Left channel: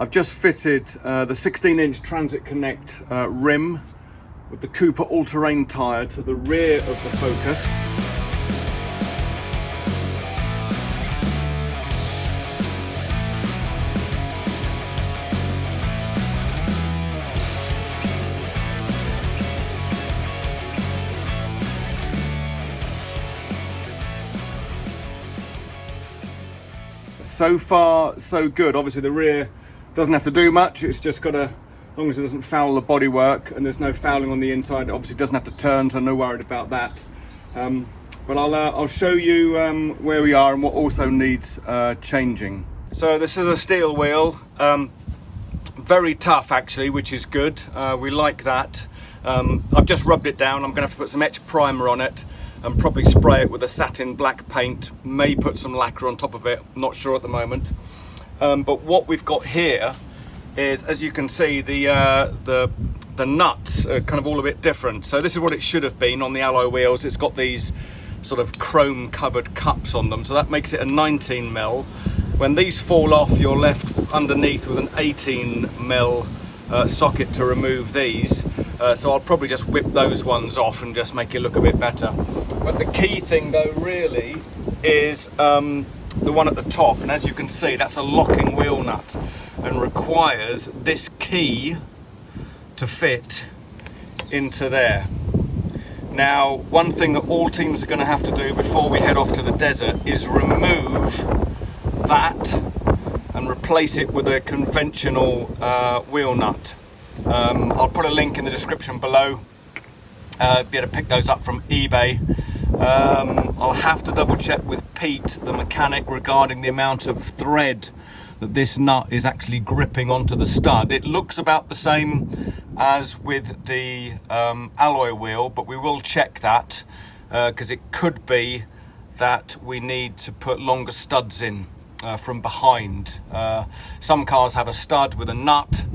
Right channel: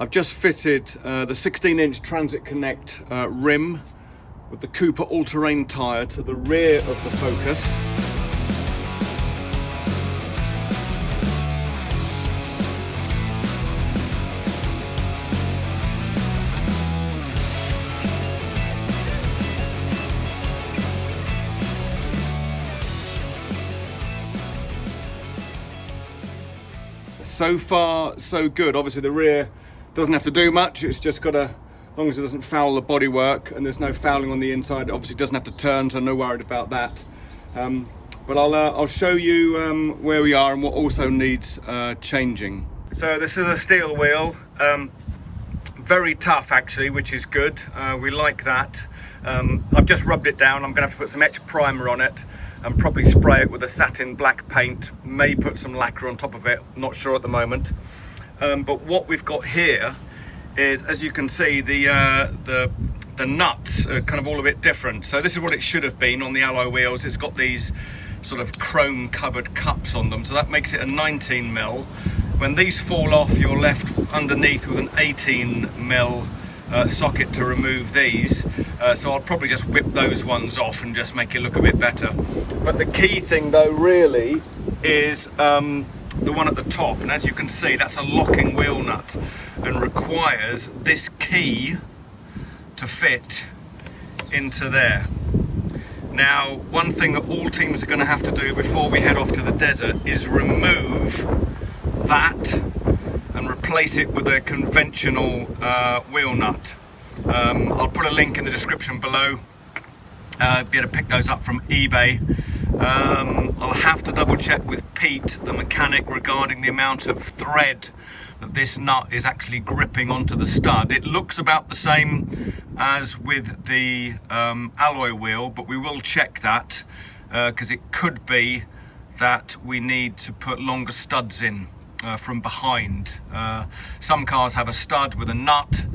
I've just fitted the 16-inch Transit Connect rim with the Cooper all-terrain tyre to the rear of the Focus. So far, so good. Obviously the rear doesn't have to do much. It's just got to, as long as it doesn't foul the bodywork and there's no fouling on the inside, it obviously doesn't have to turn, so no worried about that. But I'll show you where we are and what also needs changing. So this is a steel wheel, very tough actually, which is good. We like that. I've just rubbed it down. I'm going to have to put some etch primer on it and probably spray it with a satin black paint, may put some lacquer on top of it, not sure at the moment. But what we've got here is, as you can see, the nuts are kind of all a bit different. So this is what it should have been on the alloy wheels. It's got these sort of chrome covered cups on them, so that makes it a 19mm. When these fall off, you're left underneath with an 18mm socket to remove these. So I'll probably just whip those ones off and just make it look a bit better. But the key thing though really is the one at the top, and as you can see, that's a locking wheel nut and requires this key to fit into there. Now, one thing that all teams are going to have to do before we head off to the desert is remove that and replace it with a conventional wheel nut. I'll put a link in the description below. Be able to pick those up from eBay. I'll have to double check with Pete, the mechanic, regarding the amount of thread that this nut is actually gripping onto the stud. It looks about the same as with the alloy wheel, but we will check that because it could be that we need to put longer studs in from behind. Some cars have a stud with a nut,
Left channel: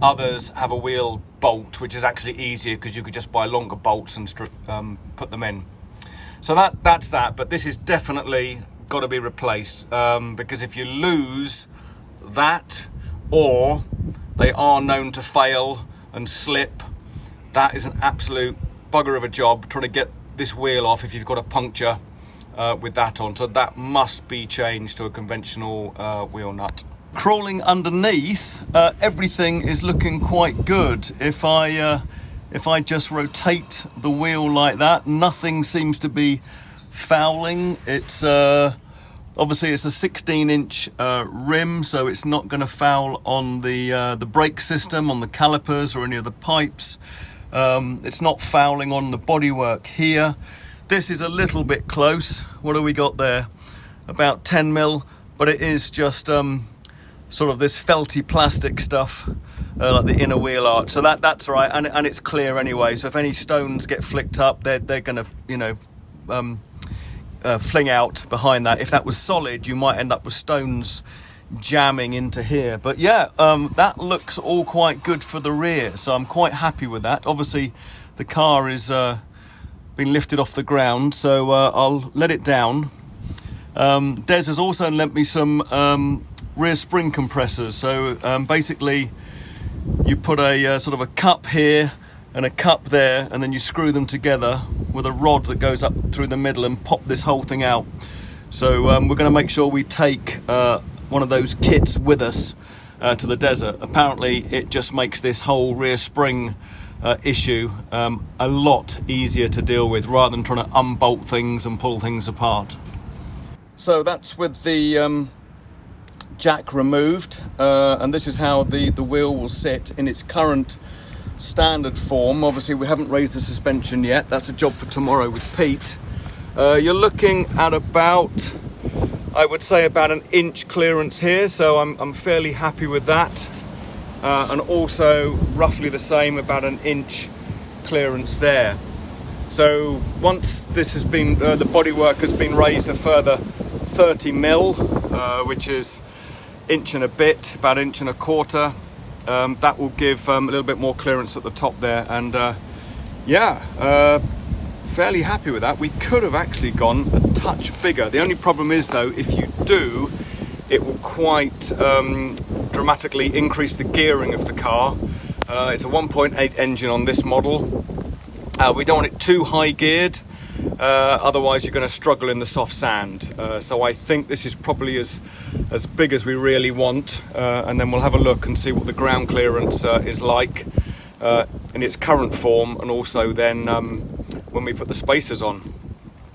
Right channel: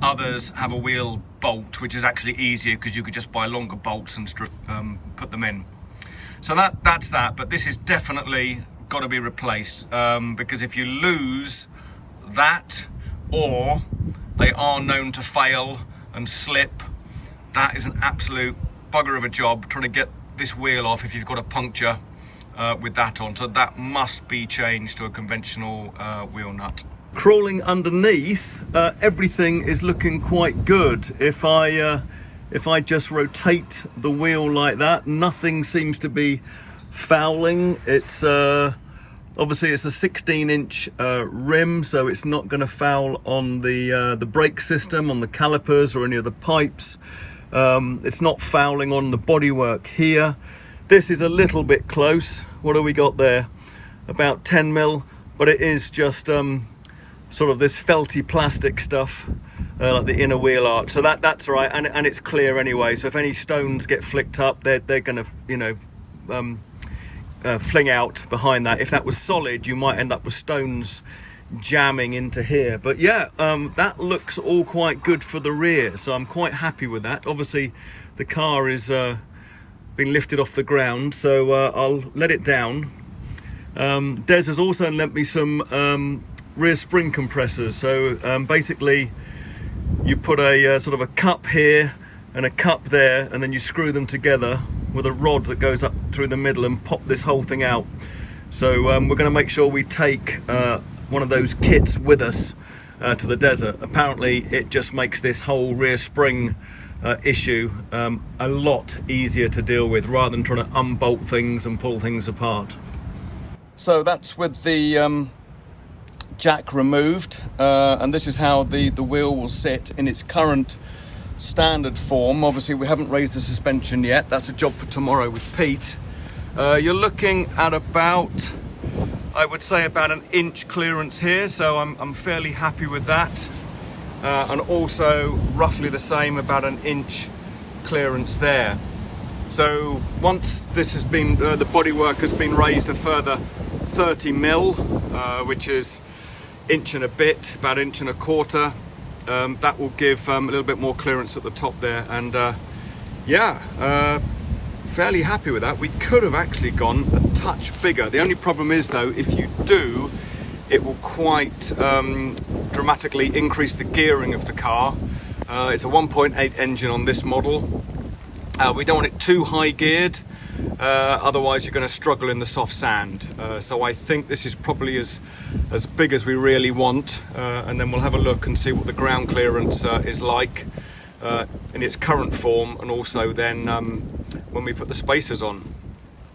others have a wheel bolt, which is actually easier because you could just buy longer bolts and put them in. So that's that, but this is definitely got to be replaced because if you lose that, or they are known to fail and slip, that is an absolute bugger of a job trying to get this wheel off if you've got a puncture with that on. So that must be changed to a conventional wheel nut. Crawling underneath, everything is looking quite good. If I just rotate the wheel like that, nothing seems to be fouling. It's obviously it's a 16-inch rim, so it's not going to foul on the brake system, on the calipers or any of the pipes. It's not fouling on the bodywork here. This is a little bit close. What do we got there? About 10mm, but it is just sort of this felty plastic stuff, like the inner wheel arch. So that's all right, and it's clear anyway. So if any stones get flicked up, they're going to, fling out behind that. If that was solid, you might end up with stones jamming into here. But yeah, that looks all quite good for the rear, so I'm quite happy with that. Obviously, the car is being lifted off the ground, so I'll let it down. Des has also lent me some rear spring compressors. So basically you put a sort of a cup here and a cup there, and then you screw them together with a rod that goes up through the middle and pop this whole thing out. So we're going to make sure we take one of those kits with us to the desert. Apparently it just makes this whole rear spring issue a lot easier to deal with, rather than trying to unbolt things and pull things apart. So that's with the jack removed, and this is how the wheel will sit in its current standard form. Obviously we haven't raised the suspension yet. That's a job for tomorrow with Pete. You're looking at about, I would say, about an inch clearance here, so I'm fairly happy with that, and also roughly the same, about an inch clearance there. So once this has been the bodywork has been raised a further 30mm, which is inch and a bit, about inch and a quarter. That will give a little bit more clearance at the top there, and fairly happy with that. We could have actually gone a touch bigger. The only problem is though, if you do, it will quite dramatically increase the gearing of the car. It's a 1.8 engine on this model. We don't want it too high geared, otherwise you're going to struggle in the soft sand. So I think this is probably as big as we really want, and then we'll have a look and see what the ground clearance is like in its current form, and also then when we put the spacers on.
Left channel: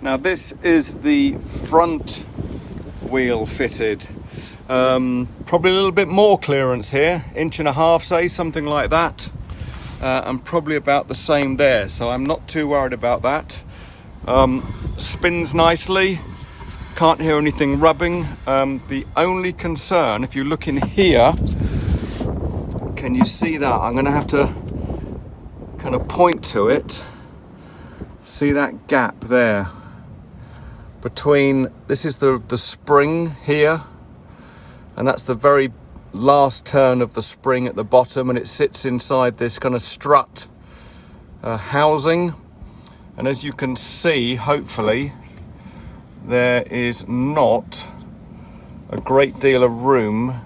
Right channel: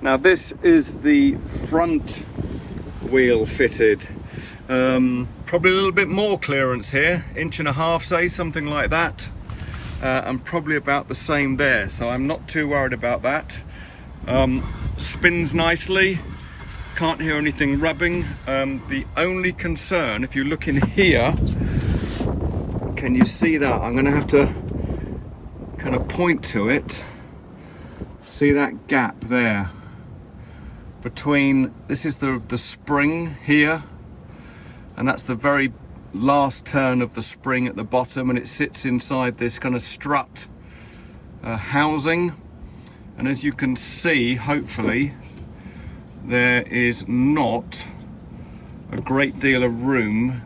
Now this is the front wheel fitted. Probably a little bit more clearance here, 1.5 inches, say, something like that. And probably about the same there, so I'm not too worried about that. Spins nicely, can't hear anything rubbing. The only concern, if you look in here, can you see that? I'm going to have to kind of point to it. See that gap there between, this is the spring here, and that's the very last turn of the spring at the bottom, and it sits inside this kind of strut housing. And as you can see, hopefully, there is not a great deal of room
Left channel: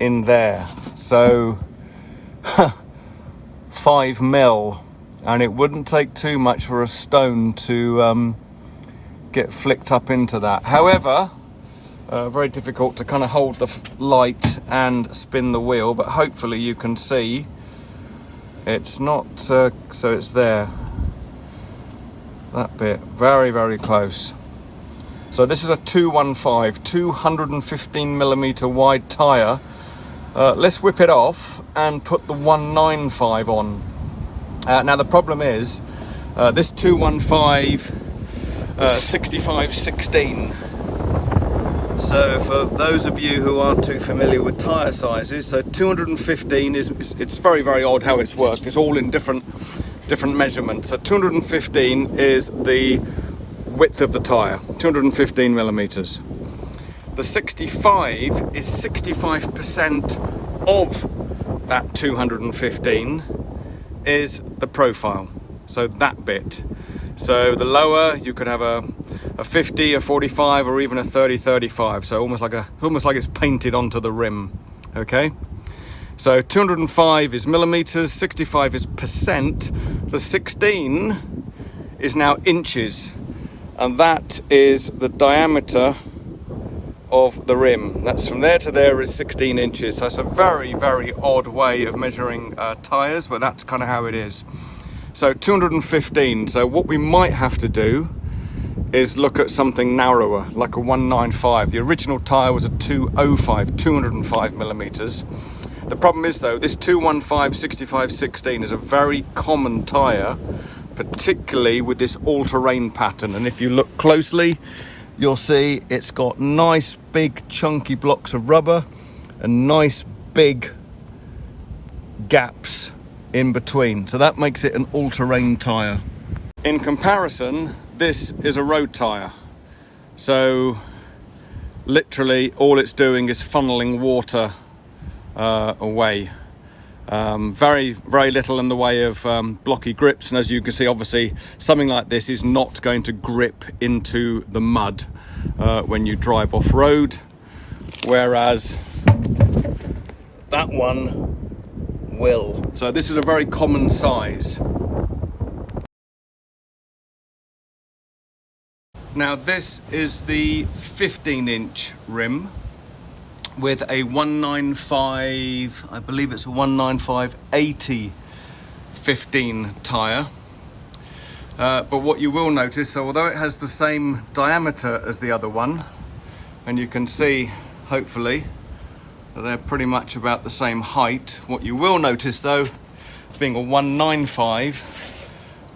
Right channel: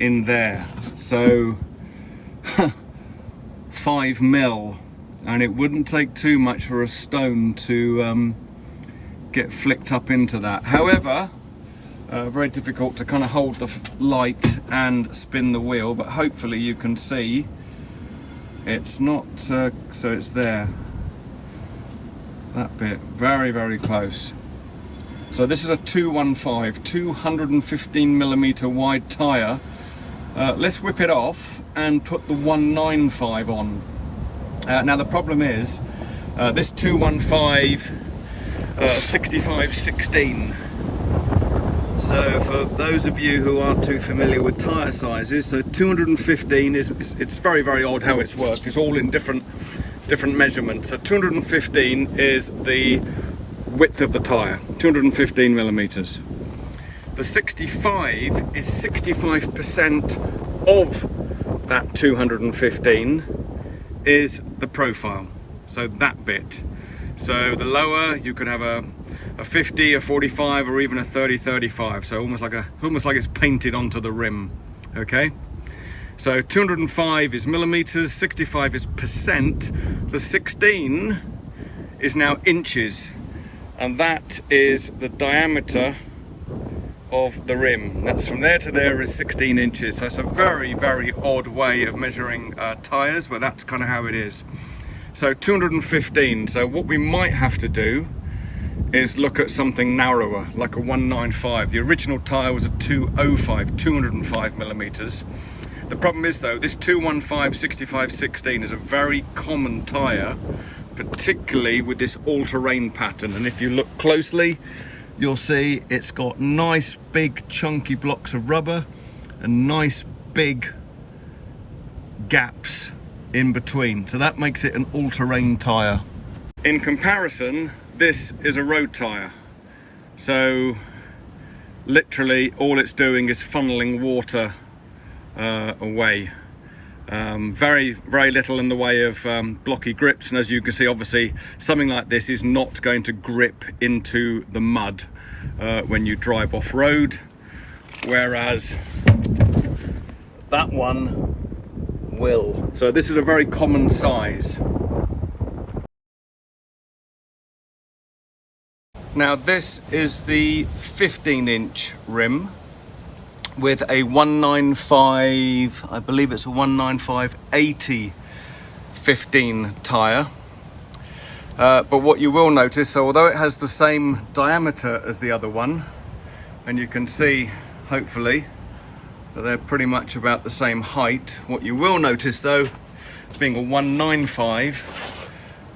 in there. So 5 mil, and it wouldn't take too much for a stone to get flicked up into that. However, very difficult to kind of hold the light and spin the wheel, but hopefully you can see it's not, so it's there, that bit, very, very close. So this is a 215, 215 millimeter wide tyre. Let's whip it off and put the 195 on. Now the problem is, this 215 65/16. So for those of you who aren't too familiar with tyre sizes, so 215 it's very, very odd how it's worked. It's all in different measurements. So 215 is the width of the tyre, 215 millimeters. The 65 is 65% of that 215 is the profile, so that bit. So the lower, you could have a 50, a 45, or even a 30-35. So almost like it's painted onto the rim. Okay. So 205 is millimeters, 65 is percent. The 16 is now inches, and that is the diameter of the rim. That's from there to there is 16 inches. So it's a very, very odd way of measuring tires, but that's kind of how it is. So 215. So what we might have to do is look at something narrower, like a 195. The original tire was a 205, 205 millimeters. The problem is though, this 215 65/16 is a very common tire, particularly with this all-terrain pattern. And if you look closely, you'll see it's got nice big chunky blocks of rubber and nice big gaps in between. So that makes it an all-terrain tire. In comparison, this is a road tire. So literally all it's doing is funneling water away. Very, very little in the way of blocky grips, and as you can see, obviously something like this is not going to grip into the mud when you drive off-road, whereas that one will. So this is a very common size. Now this is the 15-inch rim with a 195, I believe it's a 195/80 15 tyre. But what you will notice, so although it has the same diameter as the other one, and you can see hopefully that they're pretty much about the same height, what you will notice though, being a 195,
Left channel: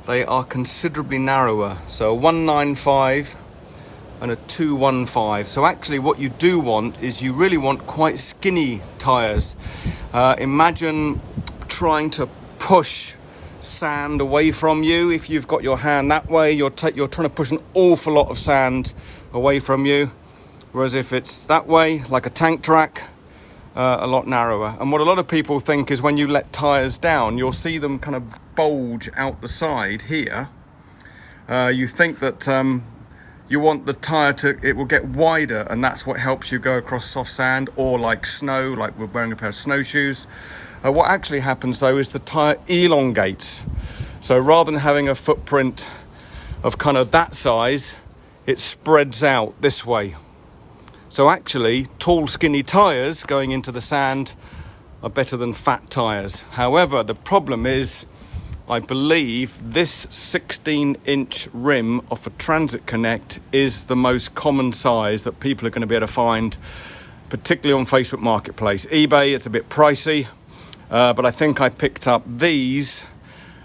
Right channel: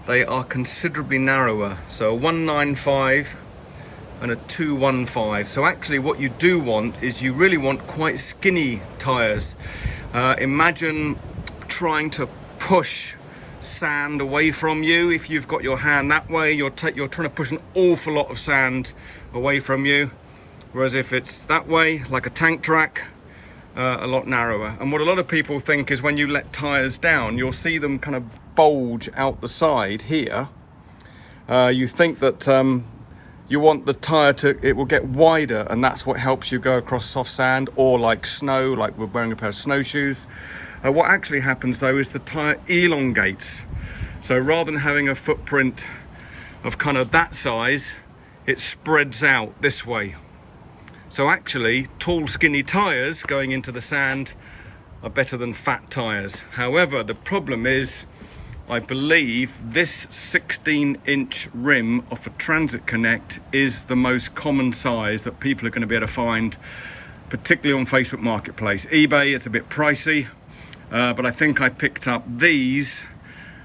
they are considerably narrower. So a 195 and a 215. So actually what you do want is you really want quite skinny tires. Imagine trying to push sand away from you. If you've got your hand that way, you're trying to push an awful lot of sand away from you. Whereas if it's that way, like a tank track, a lot narrower. And what a lot of people think is when you let tires down, you'll see them kind of bulge out the side here. You think that you want the tyre it will get wider, and that's what helps you go across soft sand or like snow, like we're wearing a pair of snowshoes. What actually happens though is the tyre elongates. So rather than having a footprint of kind of that size, it spreads out this way. So actually, tall, skinny tyres going into the sand are better than fat tyres. However, the problem is, I believe this 16-inch rim off a Transit Connect is the most common size that people are going to be able to find, particularly on Facebook Marketplace. eBay, it's a bit pricey, but I think I picked up these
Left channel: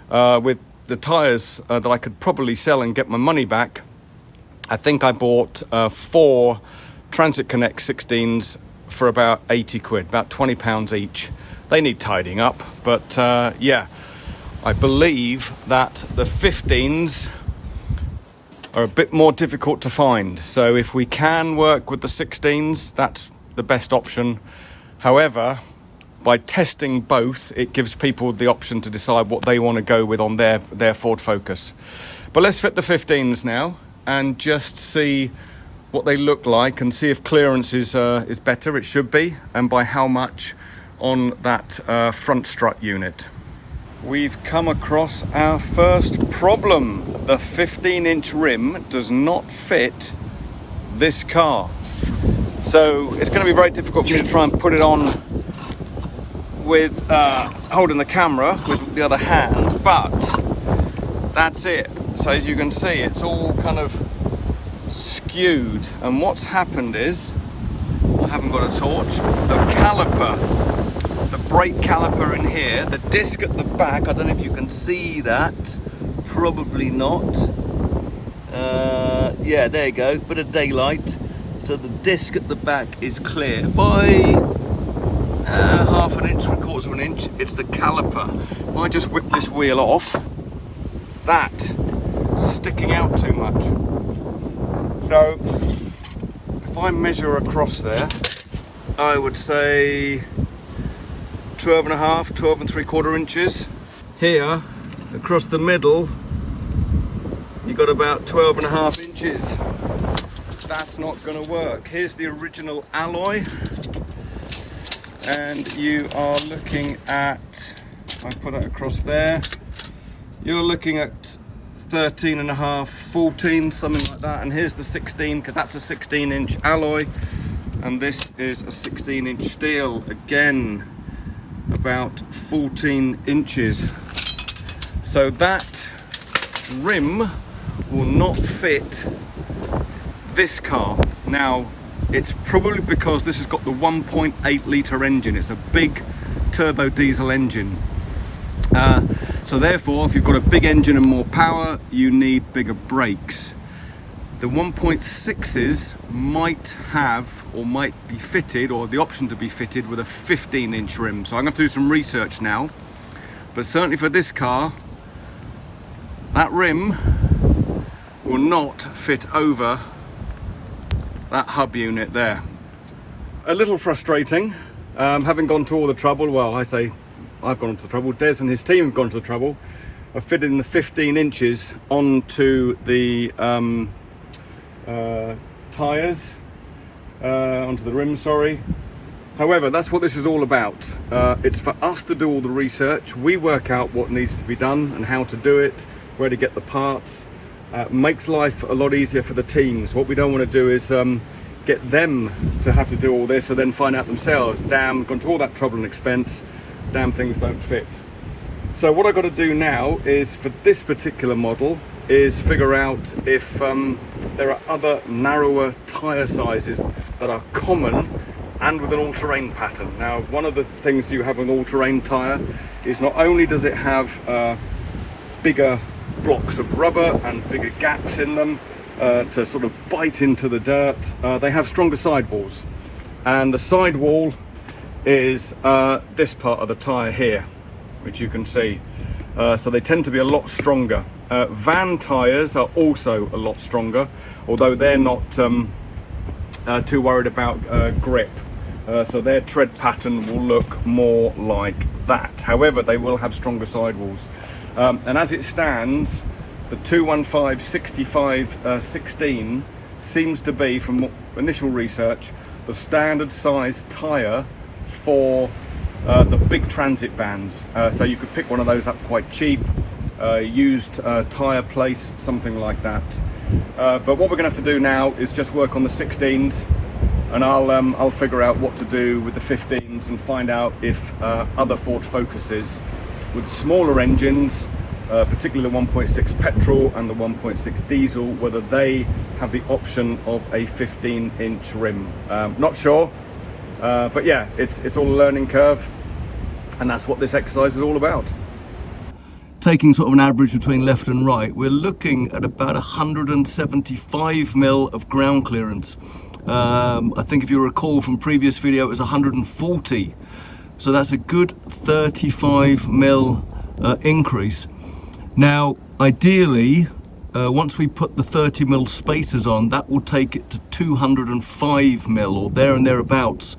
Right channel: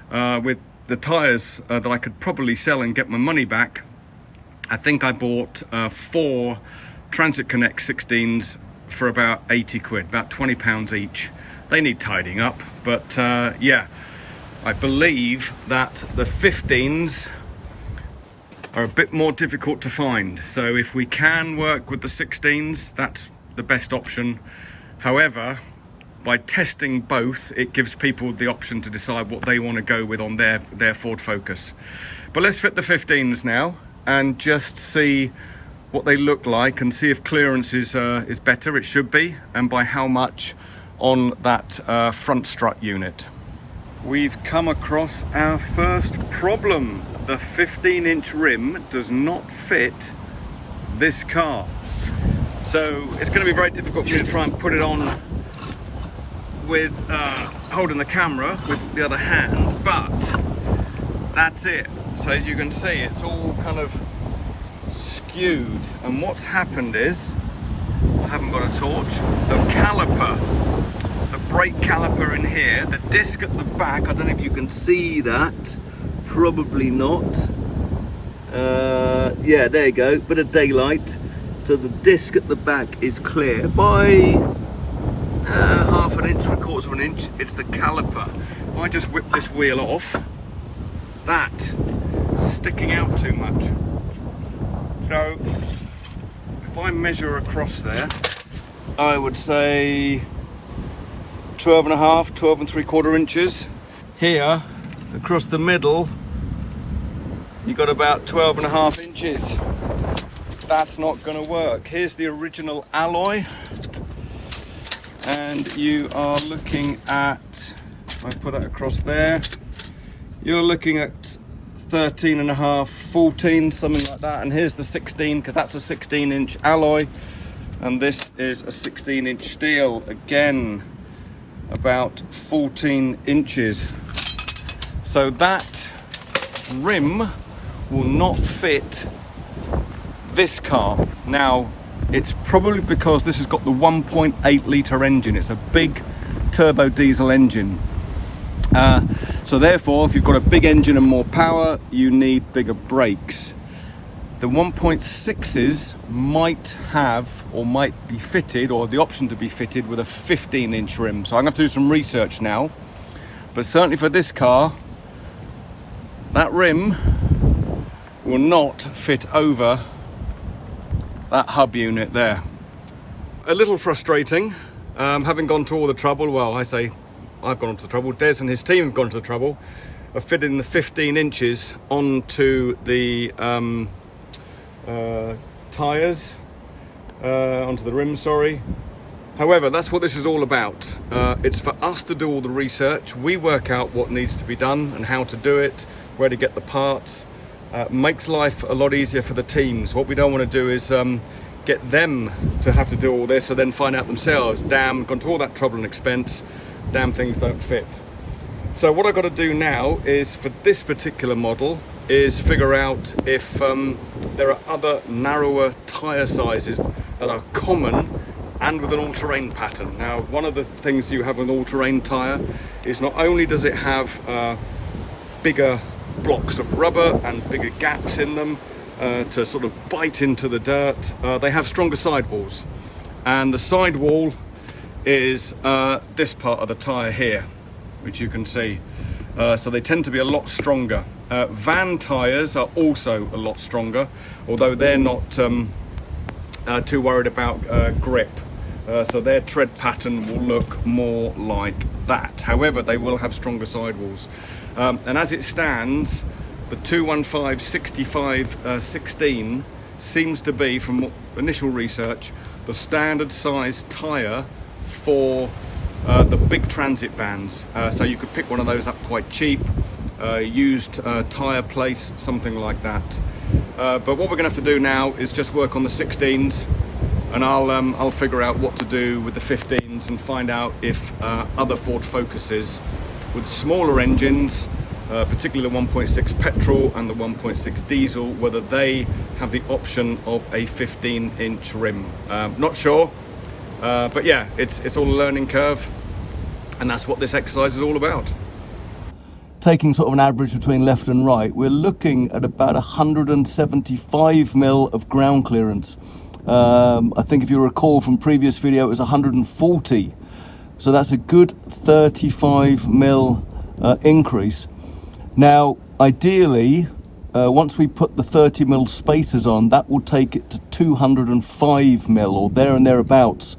with the tyres that I could probably sell and get my money back. I think I bought 4 Transit Connect 16s for about 80 quid, about £20 each. They need tidying up, but yeah. I believe that the 15s are a bit more difficult to find. So if we can work with the 16s, that's the best option. However, by testing both, it gives people the option to decide what they want to go with on their Ford Focus. But let's fit the 15s now and just see what they look like and see if clearance is better. It should be, and by how much on that front strut unit. We've come across our first problem. The 15-inch rim does not fit this car. So it's going to be very difficult for me to try and put it on with holding the camera with the other hand, but that's it. So as you can see, it's all kind of skewed. And what's happened is, I haven't got a torch, the caliper, the brake caliper in here, the disc at the back, I don't know if you can see that, probably not. Yeah, there you go, bit of daylight. So the disc at the back is clear by half an inch, 3/4 of an inch. It's the caliper. If I just whip this wheel off, that's sticking out too much. So if I measure across there, I would say 12.5, 12 3/4 inches. Here, across the middle, you got about 12.5 inches. That's not going to work. Here's the original alloy, and you are looking at, I put it across there, you're looking at 13.5, 14, something like that. And here's the 16, because that's a 16-inch alloy, and this is a 16-inch steel. Again, about 14 inches. So that rim will not fit this car. Now, it's probably because this has got the 1.8 litre engine. It's a big turbo diesel engine. So therefore, if you've got a big engine and more power, you need bigger brakes. The 1.6s might have, or might be fitted, or the option to be fitted with a 15-inch rim. So I'm going to have to do some research now. But certainly for this car, that rim will not fit over that hub unit there. A little frustrating, having gone to all the trouble, well, I say I've gone to the trouble, Des and his team have gone to the trouble of fitting the 15 inches onto the tyres, onto the rim, sorry. However, that's what this is all about. It's for us to do all the research. We work out what needs to be done and how to do it, where to get the parts. Makes life a lot easier for the teams. What we don't want to do is get them to have to do all this and then find out themselves, damn, gone to all that trouble and expense, damn, things don't fit. So what I've got to do now is, for this particular model, is figure out if there are other narrower tyre sizes that are common and with an all-terrain pattern. Now, one of the things you have with an all-terrain tyre is not only does it have bigger blocks of rubber and bigger gaps in them to sort of bite into the dirt, they have stronger sidewalls. And the sidewall is this part of the tyre here, which you can see. So they tend to be a lot stronger. Van tyres are also a lot stronger, although they're not too worried about grip. So their tread pattern will look more like that. However, they will have stronger sidewalls. And as it stands, The 215/65/16 seems to be, from initial research, the standard size tyre for the big transit vans. So you could pick one of those up quite cheap, used tyre place, something like that. But what we're going to have to do now is just work on the 16s, and I'll figure out what to do with the 15s and find out if other Ford Focuses with smaller engines, particularly the 1.6 petrol and the 1.6 diesel, whether they have the option of a 15-inch rim. Not sure, but yeah, it's all a learning curve, and that's what this exercise is all about. Taking sort of an average between left and right, we're looking at about 175 mil of ground clearance. I think if you recall from previous video, it was 140. So that's a good 35 mil increase. Now, ideally, once we put the 30 mil spacers on, that will take it to 205 mil or there and thereabouts.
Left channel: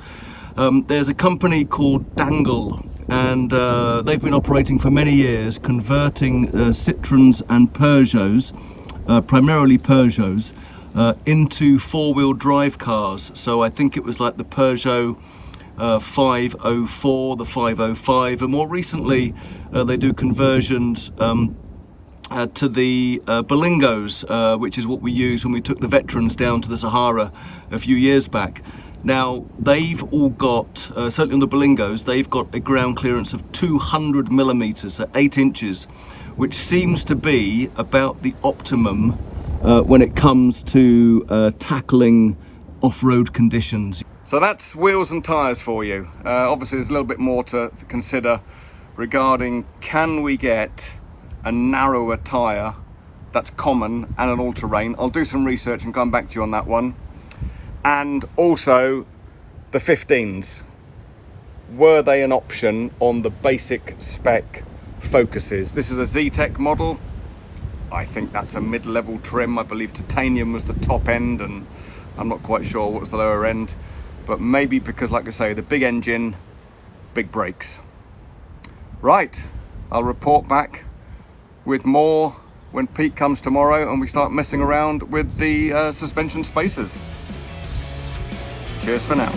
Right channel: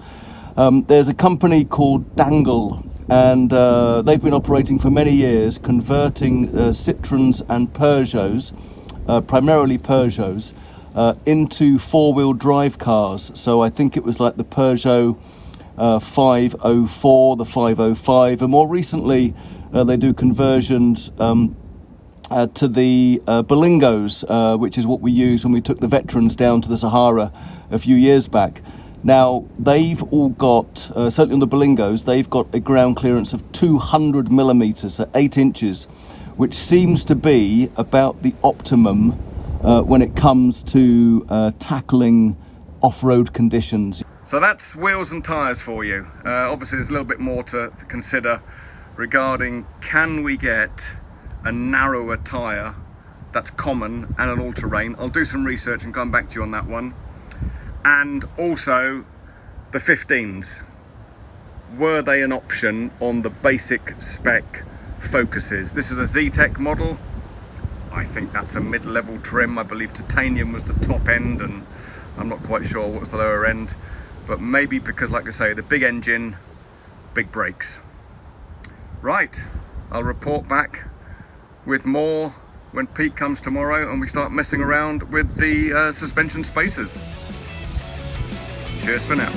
There's a company called Dangle, and they've been operating for many years, converting Citroens and Peugeots, primarily Peugeots, into four-wheel drive cars. So I think it was like the Peugeot 504, the 505, and more recently they do conversions to the Berlingos, which is what we used when we took the veterans down to the Sahara a few years back. Now, they've all got, certainly on the Berlingos, they've got a ground clearance of 200 millimeters, so 8 inches, which seems to be about the optimum when it comes to tackling off-road conditions. So that's wheels and tyres for you. Obviously, there's a little bit more to consider regarding, can we get a narrower tyre that's common and an all-terrain? I'll do some research and come back to you on that one. And also the 15s, were they an option on the basic spec Focuses? This is a Z-Tech model. I think that's a mid-level trim. I believe titanium was the top end, and I'm not quite sure what was the lower end, but maybe because, like I say, the big engine, big brakes. Right, I'll report back with more when Pete comes tomorrow and we start messing around with the suspension spacers. Cheers for now.